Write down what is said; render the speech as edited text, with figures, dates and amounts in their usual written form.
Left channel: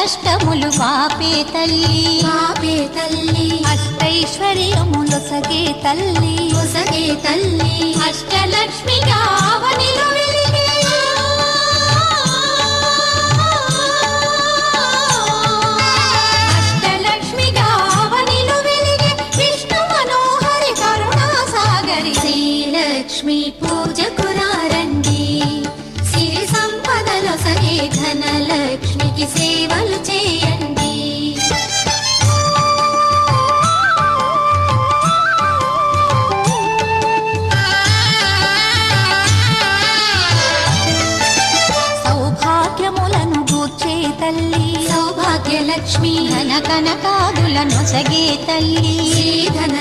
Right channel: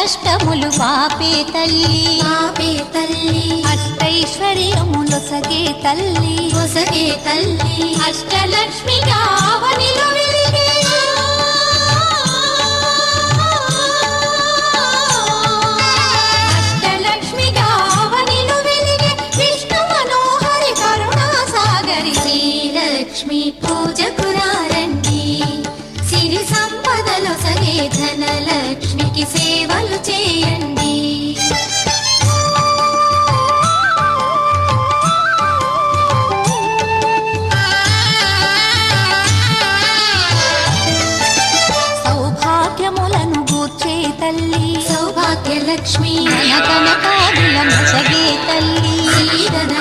కష్టములు పాపే తల్లి అష్టైశ్వర్యములొసగే తల్లి అష్టలక్ష్మిగా అవనిలో వెలిగే అష్టలక్ష్మిగా అవనిలో వెలిగే విష్ణు మనోహరి కరుణా సాగరి శ్రీలక్ష్మి పూజకు రండి సిరి సంపదలు సగే ధనలక్ష్మికి సేవలు చేయండి. సౌభాగ్యములను గూర్చే తల్లి సౌభాగ్యలక్ష్మి ధన కనకాదుల మొసగే తల్లి శ్రీధన